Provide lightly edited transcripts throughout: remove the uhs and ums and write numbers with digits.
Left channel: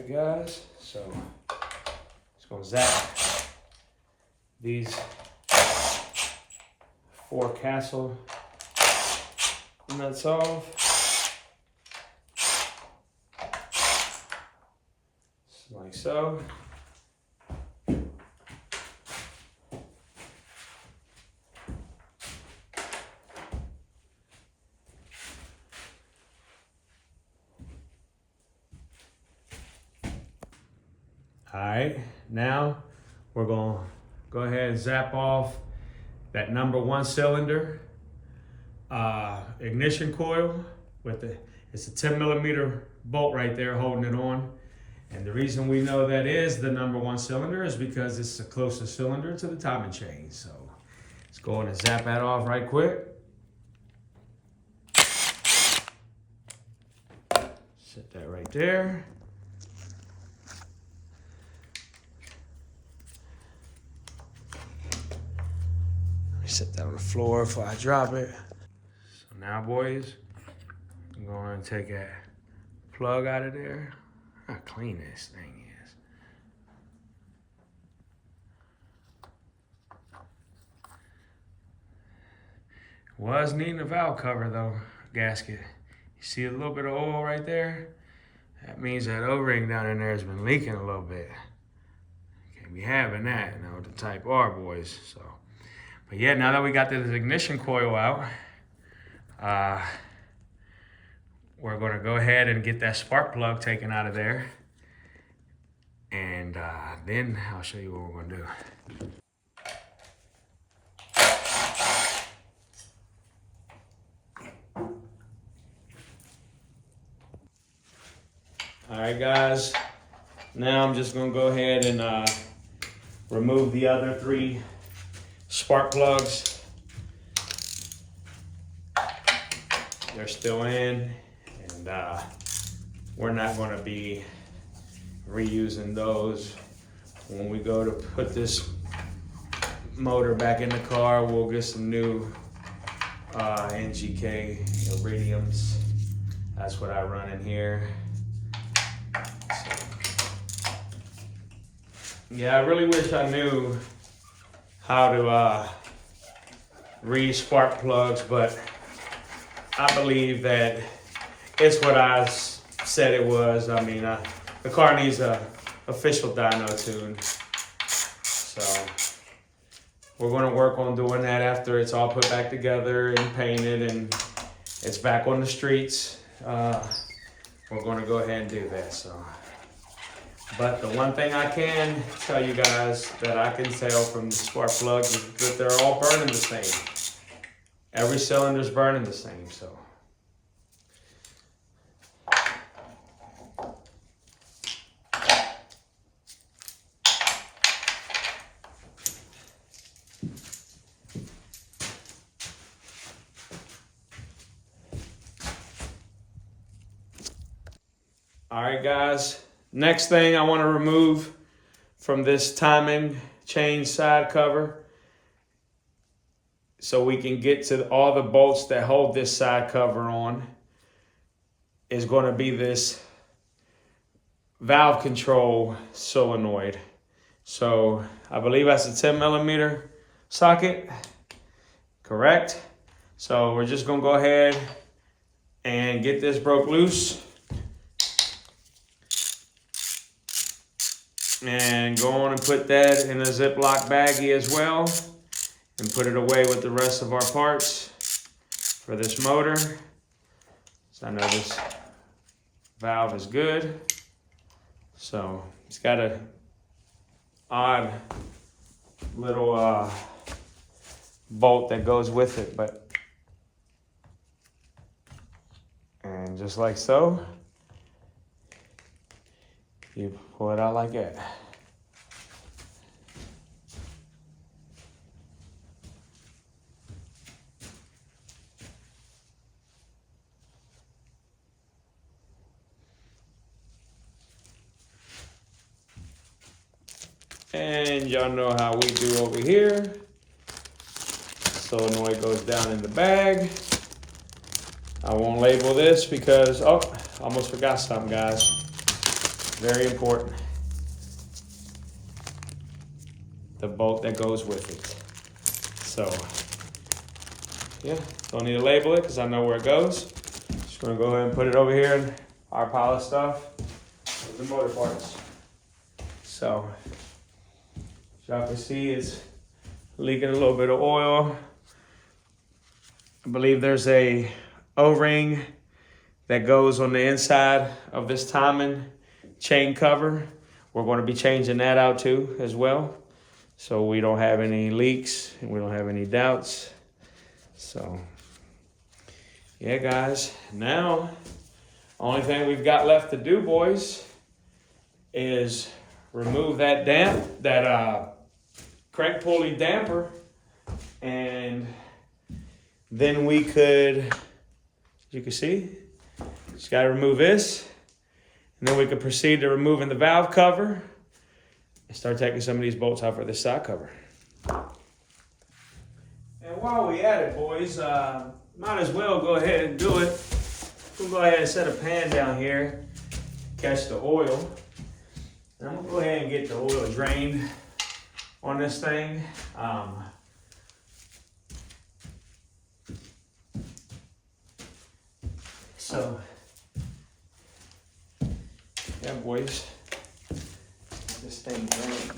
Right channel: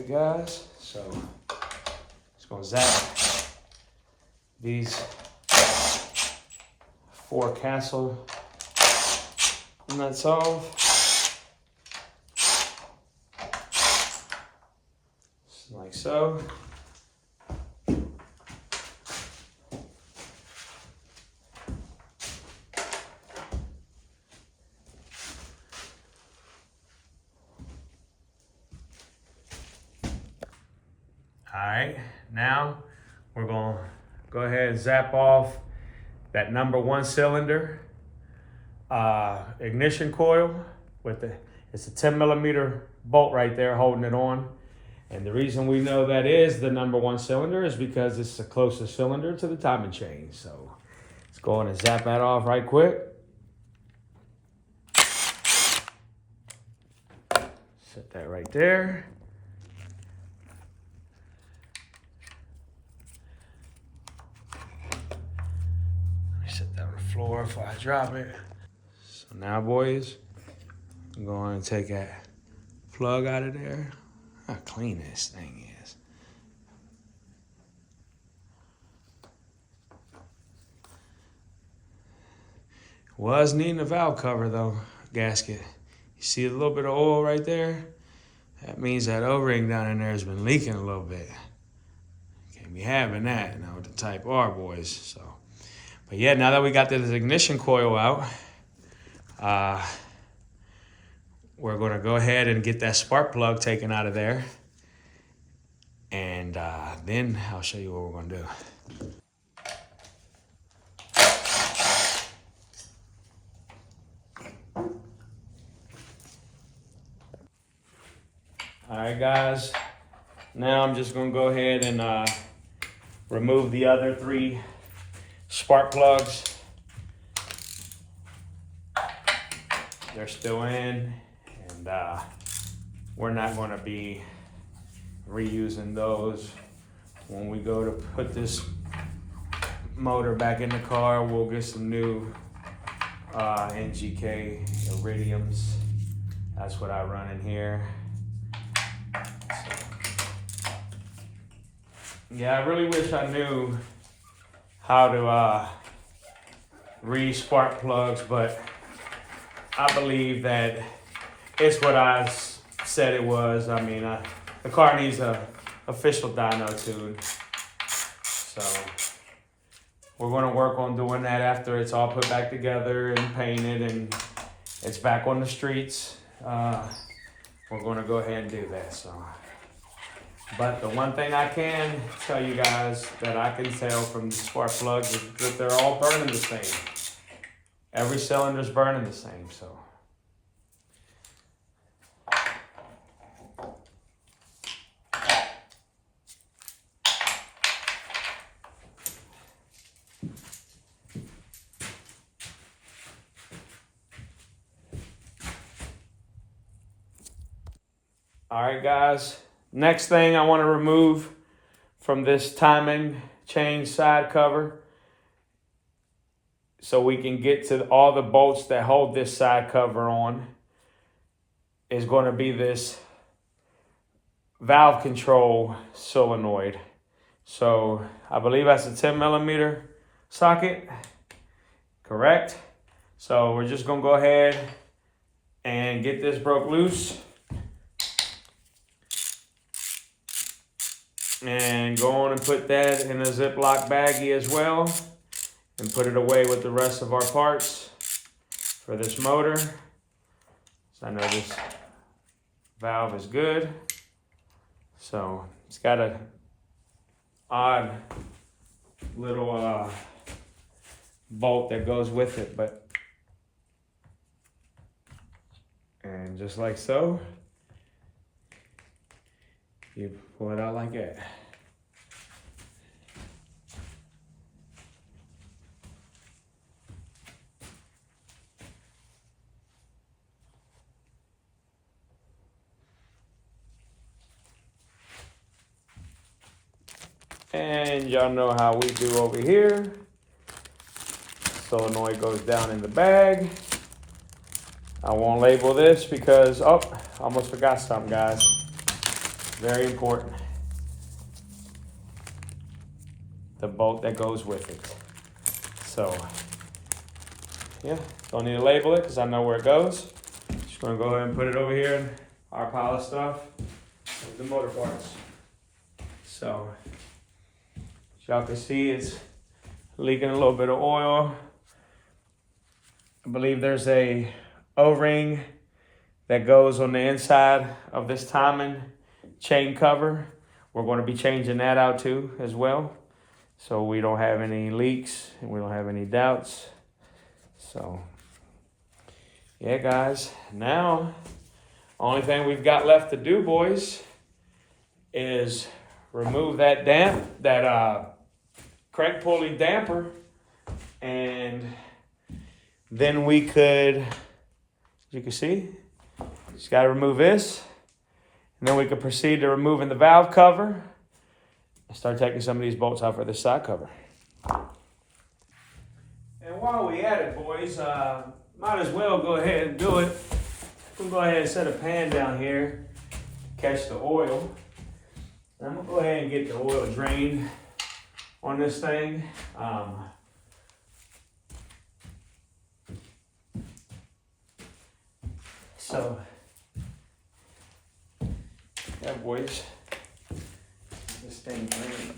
right, guys, so just gonna zap these 4 castle nuts off, just like so. All right, now we're gonna go ahead and zap off that number 1 cylinder ignition coil with it's a 10 millimeter bolt right there holding it on. And the reason we know that is the number 1 cylinder is because it's the closest cylinder to the timing chain. So let's go on and zap that off right quick. Set that right there. Set that on the floor before I drop it. So now, boys, I'm going to take that plug out of there. How clean this thing is. Was needing a valve cover though, gasket. You see a little bit of oil right there? That means that O-ring down in there has been leaking a little bit. Can't be having that, you know, with the Type R, boys. So. But yeah, now that we got this ignition coil out, we're gonna go ahead and get that spark plug taken out of there. And then I'll show you what we're gonna do. All right, guys, now I'm just gonna go ahead and remove the other 3 spark plugs. They're still in, and we're not going to be reusing those. When we go to put this motor back in the car, we'll get some new NGK iridiums. That's what I run in here. So, yeah, I really wish I knew how to read spark plugs, but I believe that it's what I said it was. I mean, the car needs a official dyno tune. So we're gonna work on doing that after it's all put back together and painted and it's back on the streets. We're gonna go ahead and do that, so. But the one thing I can tell you guys that I can tell from the spark plugs is that they're all burning the same. Every cylinder's burning the same, so. All right, guys. Next thing I want to remove from this timing chain side cover so we can get to all the bolts that hold this side cover on is going to be this valve control solenoid. So I believe that's a 10 millimeter socket, correct? So we're just going to go ahead and get this broke loose. And go on and put that in a Ziploc baggie as well and put it away with the rest of our parts for this motor. So I know this valve is good. So it's got a odd little bolt that goes with it, and just like so, you pull it out like that. And y'all know how we do over here. Solenoid goes down in the bag. I won't label this because, oh, almost forgot something, guys. Very important. The bolt that goes with it. So, yeah, don't need to label it because I know where it goes. Just gonna go ahead and put it over here in our pile of stuff. The motor parts. So, as y'all can see, it's leaking a little bit of oil. I believe there's a O-ring that goes on the inside of this timing chain cover. We're going to be changing that out too as well, so we don't have any leaks and we don't have any doubts. So yeah, guys, now only thing we've got left to do, boys, is remove that crank pulley damper, and then we could, as you can see, just got to remove this, and then we could proceed to removing the valve cover and start taking some of these bolts out for this side cover. And while we at it, boys, might as well go ahead and do it. We'll go ahead and set a pan down here, catch the oil. And I'm gonna go ahead and get the oil drained on this thing. So, yeah, boys, get this thing drained.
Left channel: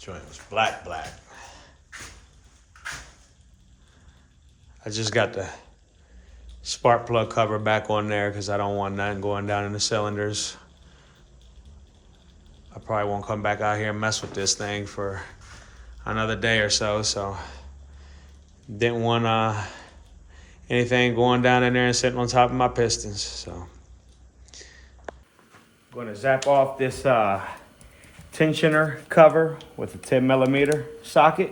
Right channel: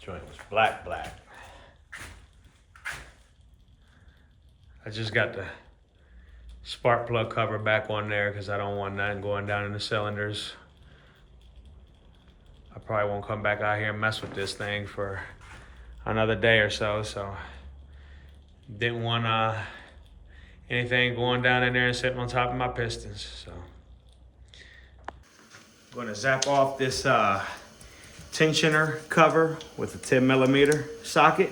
Joint was black. I just got the spark plug cover back on there because I don't want nothing going down in the cylinders. I probably won't come back out here and mess with this thing for another day or so. So didn't want anything going down in there and sitting on top of my pistons. So I'm gonna zap off this tensioner cover with a 10mm socket.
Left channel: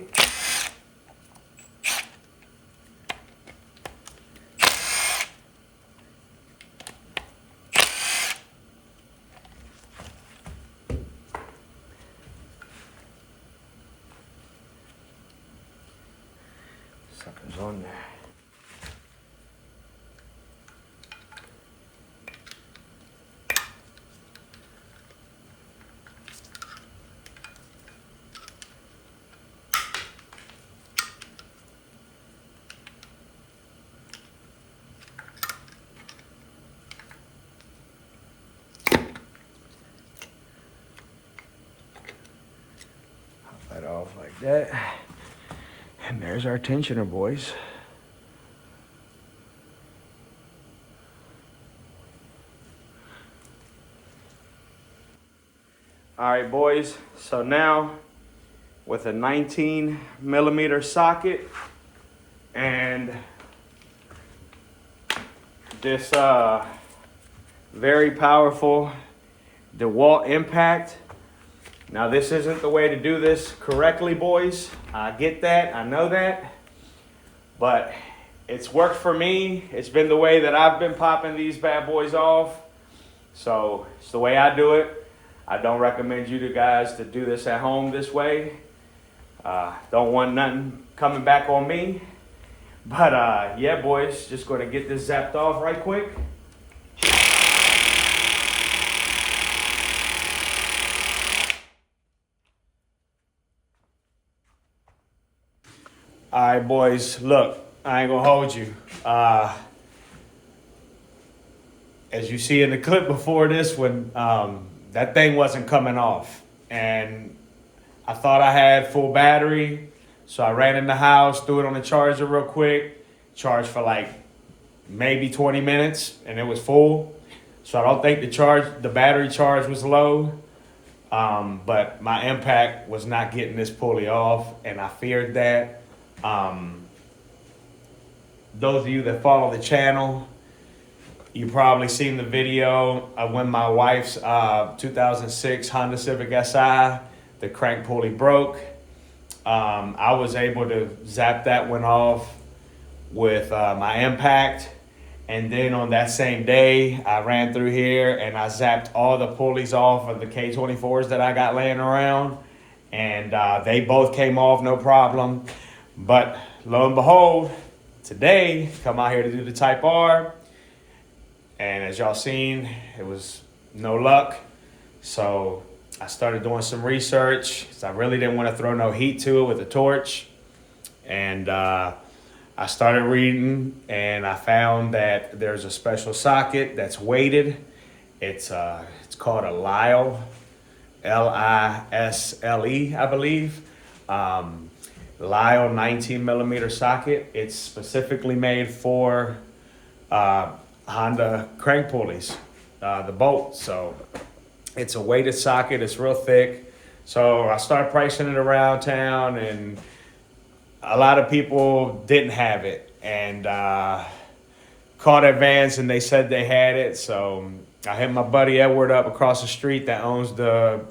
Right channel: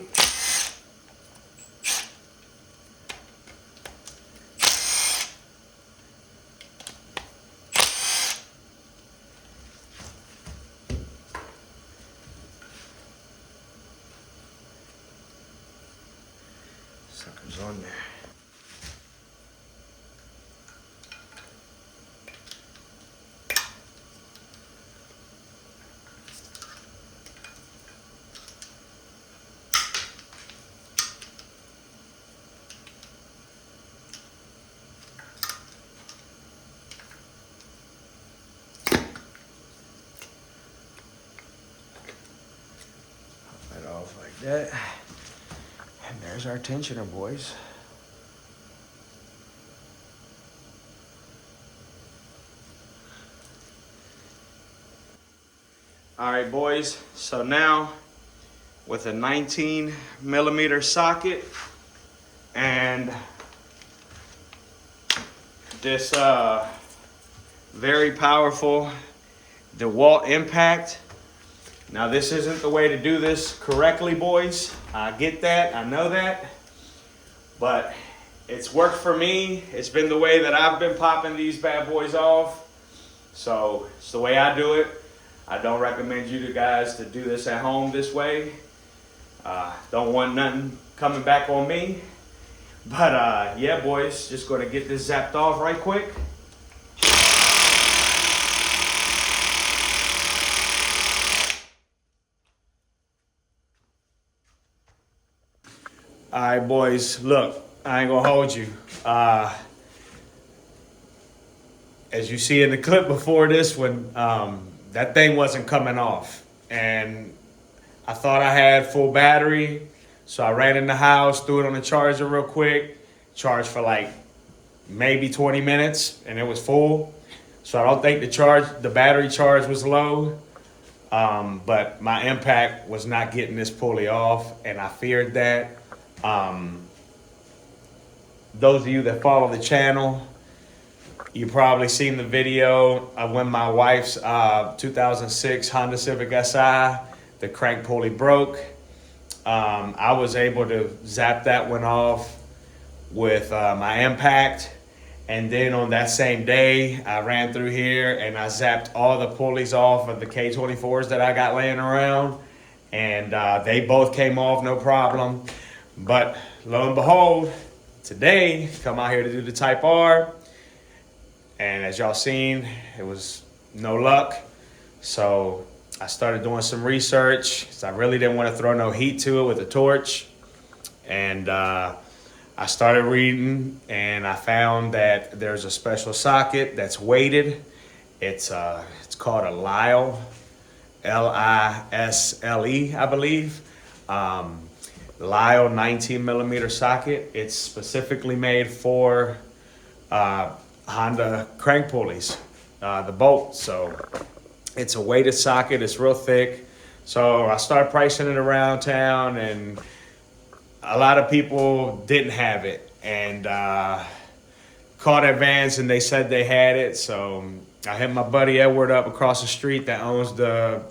Suckers on there. That off like that. And there's our tensioner, boys. All right, boys. So now with a 19mm socket and this very powerful DeWalt impact. Now this isn't the way to do this correctly, boys. I get that, I know that, but it's worked for me. It's been the way that I've been popping these bad boys off. So it's the way I do it. I don't recommend you guys to do this at home this way. Don't want nothing coming back on me. But yeah, boys, just gonna get this zapped off right quick. All right, boys, look, I ain't gonna hold you. As you see in the clip before this one, that thing wasn't coming off. And I thought I had full battery, so I ran in the house, threw it on the charger real quick, charged for like maybe 20 minutes and it was full. So I don't think the battery charge was low. But my impact was not getting this pulley off, and I feared that. Those of you that follow the channel, you probably seen the video of when my wife's 2006 Honda Civic Si, the crank pulley broke. I was able to zap that one off with my impact. And then on that same day, I ran through here and I zapped all the pulleys off of the K24s that I got laying around. And they both came off, no problem. But lo and behold, today, come out here to do the Type R. And as y'all seen, it was no luck. So I started doing some research because I really didn't want to throw no heat to it with a torch. And I started reading and I found that there's a special socket that's weighted. It's called a Lisle, Lisle, I believe. Lisle 19 millimeter socket. It's specifically made for Honda crank pulleys, the bolt. So it's a weighted socket. It's real thick. So I started pricing it around town, and a lot of people didn't have it, and called Advance and they said they had it. So I hit my buddy Edward up across the street that owns the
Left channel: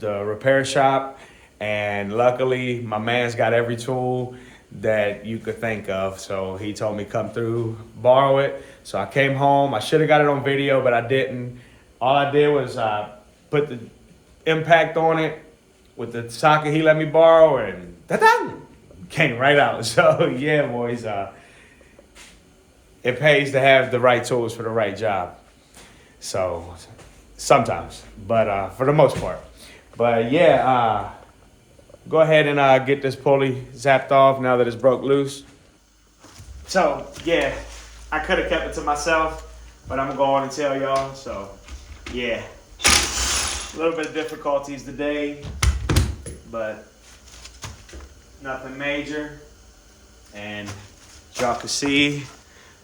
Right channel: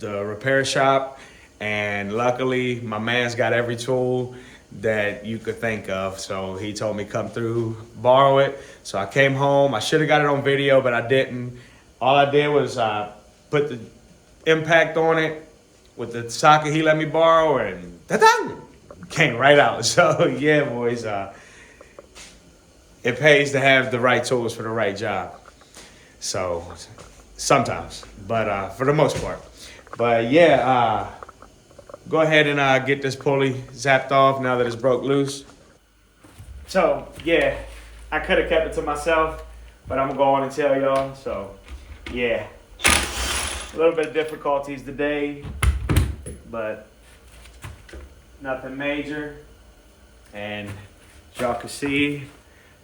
repair shop, and luckily my man's got every tool that you could think of. So he told me come through, borrow it. So I came home. I should have got it on video, but I didn't. All I did was put the impact on it with the socket he let me borrow, and ta-da! Came right out. So yeah, boys, it pays to have the right tools for the right job. So sometimes, but for the most part. But yeah, go ahead and get this pulley zapped off now that it's broke loose. So yeah, I could have kept it to myself, but I'm gonna go on and tell y'all. So yeah, a little bit of difficulties today, but nothing major. And y'all can see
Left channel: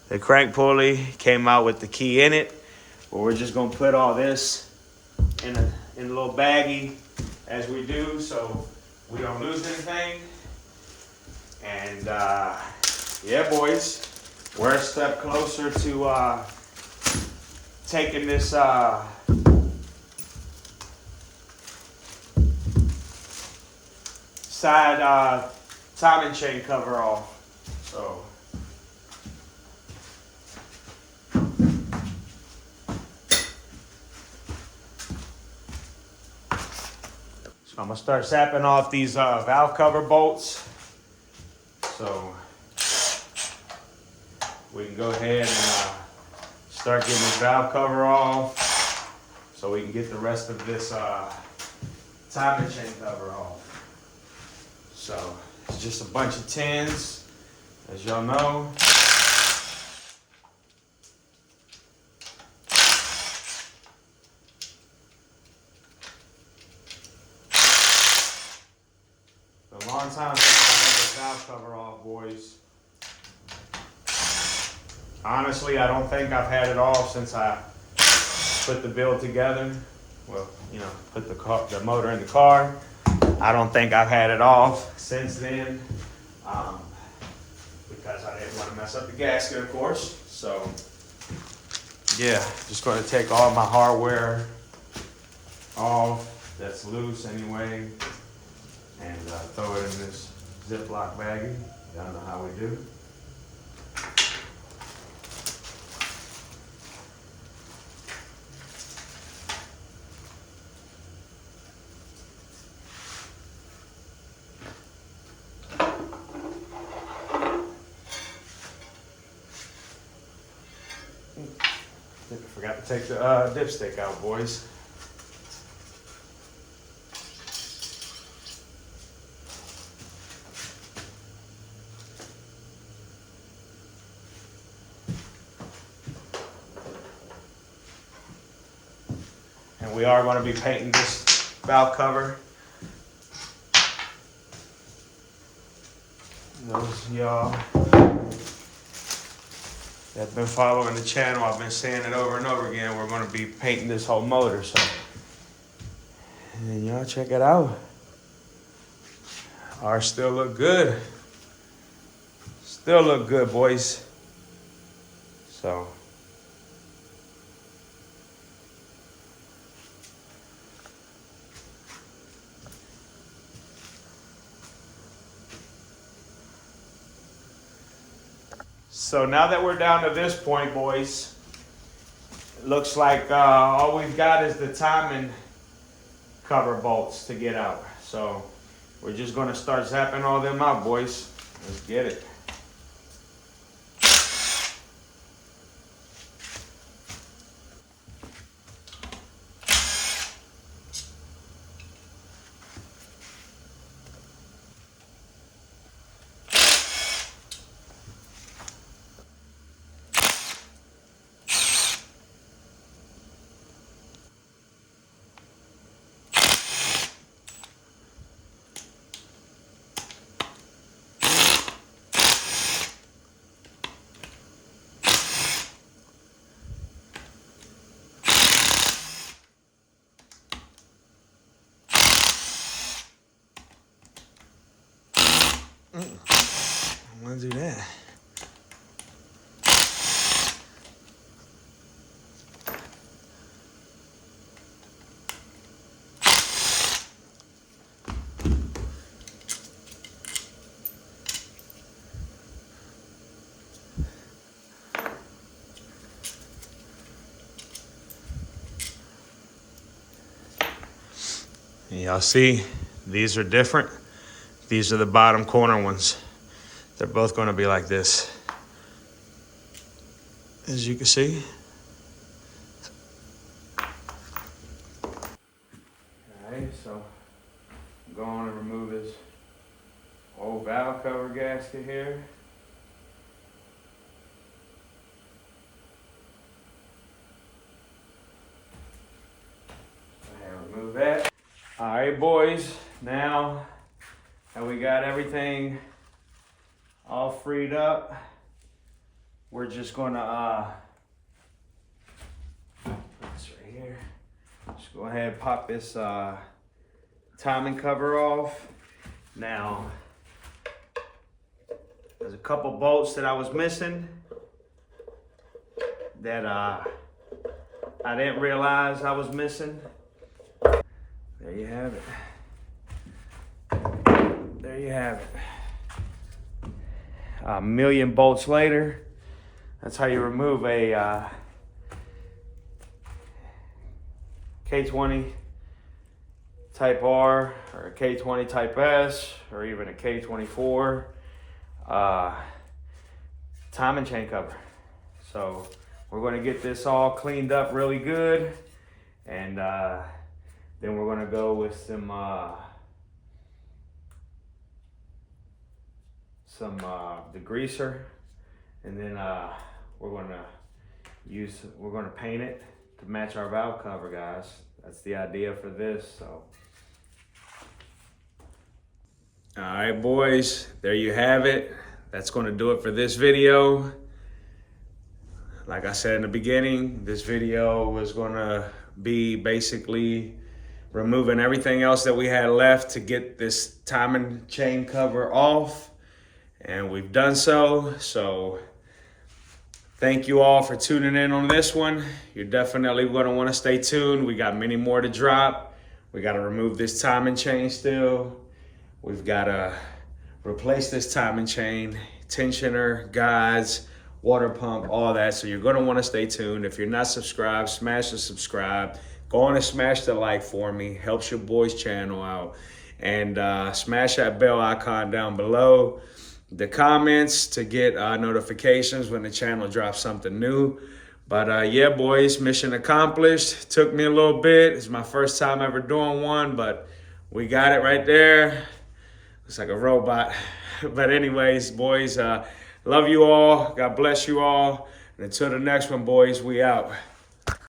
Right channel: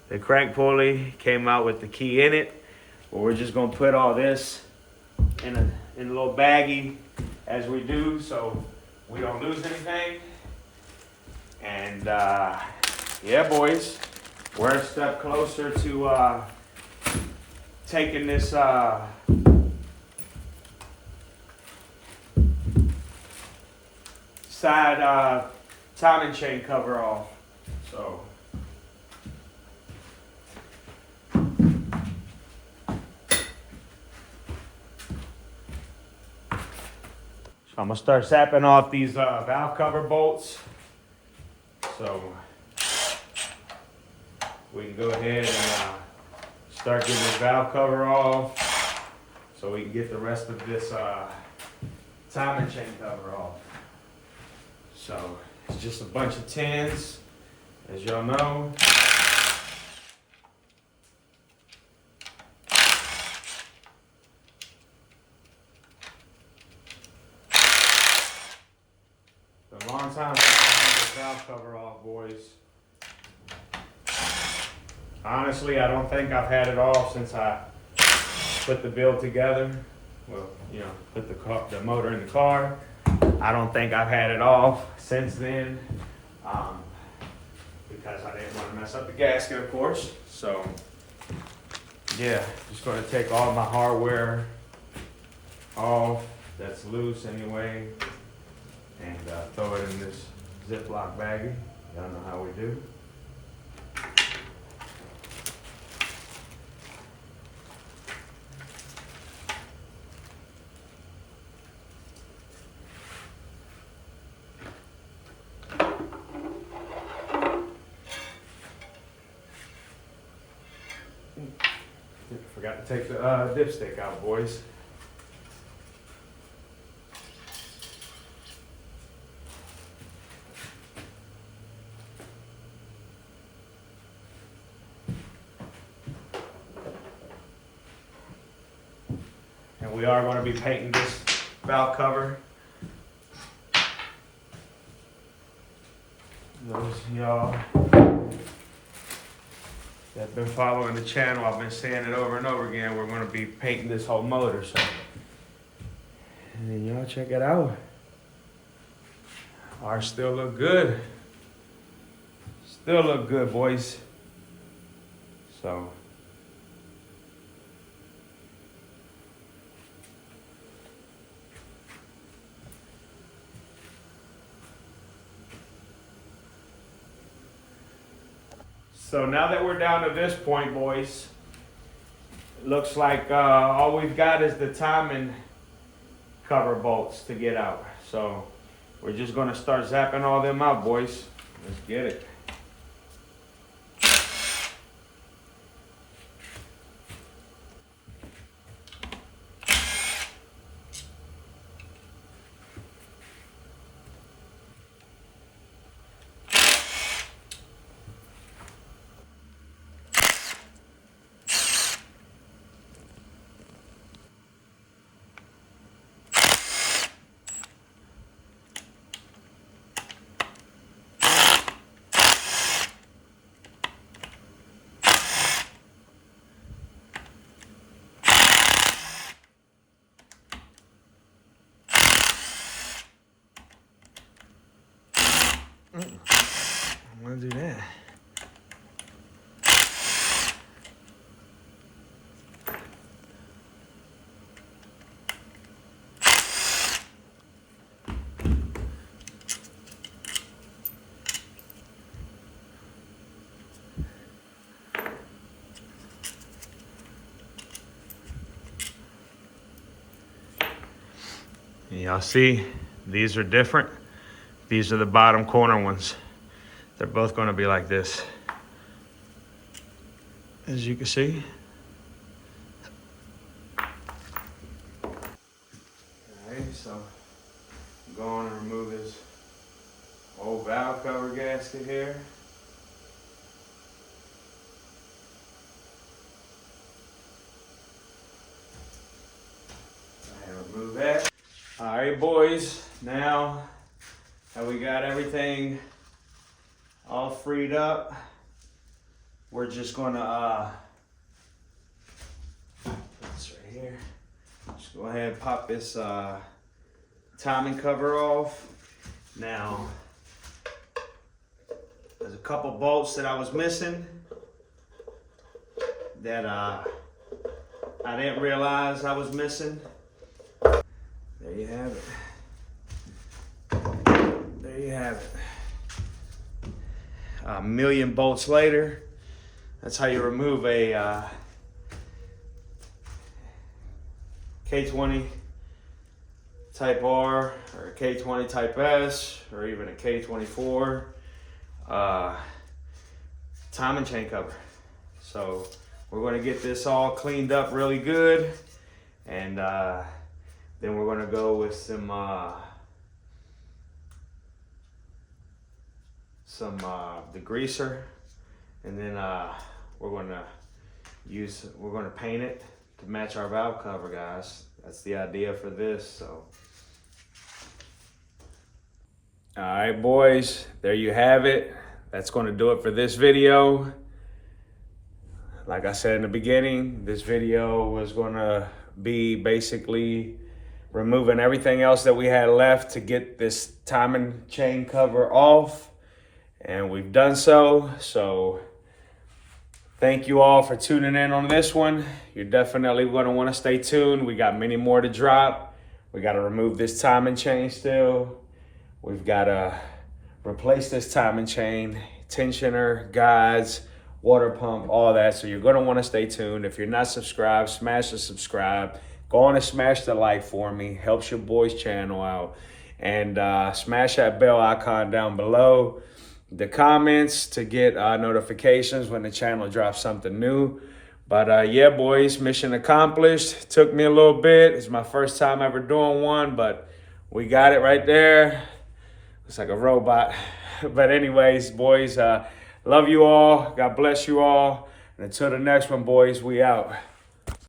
the crank pulley came out with the key in it, but we're just gonna put all this in a little baggie as we do, so we don't lose anything. And yeah, boys, we're a step closer to taking this side timing chain cover off. So I'm gonna start sapping off these valve cover bolts. So we can go ahead and start getting this valve cover off so we can get the rest of this timing chain cover off. So it's just a bunch of 10s, as y'all know. A long time since I had this valve cover off, boys. Honestly, I don't think I've had it off since I put the build together. Well, you know, put the motor in the car. I don't think I've had it off since then, because I didn't want to mess up the gasket, of course. So yeah, just going to take all my hardware off that's loose anyway, and throw it in this Ziploc baggie. Y'all know how we do. Forgot to take the dipstick out, boys. And we are going to be painting this valve cover. Those of y'all I've been following the channel, I've been saying it over and over again, we're gonna be painting this whole motor, so. And y'all check it out. Ours still look good. Still look good, boys. So. So now that we're down to this point, boys, it looks like all we've got is the timing cover bolts to get out. So we're just gonna start zapping all them out, boys. Let's get it. I'm gonna do that. Y'all see, these are different. These are the bottom corner ones. They're both gonna be like this. As you can see. Alright, so I'm going to remove this old valve cover gasket here. And remove that. Alright, boys, now that we got everything all freed up, we're just gonna put this right here. Just go ahead and pop this timing cover off. Now, there's a couple bolts that I was missing that I didn't realize I was missing. There you have it. There you have it. A million bolts later, that's how you remove a K20 Type R or a K20 Type S or even a K24 timing chain cover. So we're going to get this all cleaned up really good, and then we're going to go with some degreaser, and then we're going to paint it to match our valve cover, guys. That's the idea for this. So all right, boys, there you have it. That's going to do it for this video. Like I said in the beginning, this video was going to be basically removing everything else that we had left to get this timing chain cover off. And we've done so. So thank you all for tuning in on this one. You're definitely going to want to stay tuned. We got many more to drop. We got to remove this timing chain still. We've got to replace this timing chain, tensioner, guides, water pump, all that. So you're going to want to stay tuned. If you're not subscribed, smash the subscribe. Go on and smash the like for me. Helps your boy's channel out. And smash that bell icon down below. The comments to get notifications when the channel drops something new. But yeah, boys, mission accomplished. Took me a little bit. It's my first time ever doing one, but we got it right there. Looks like a robot. But anyways, boys, love you all. God bless you all. And until the next one, boys, we out.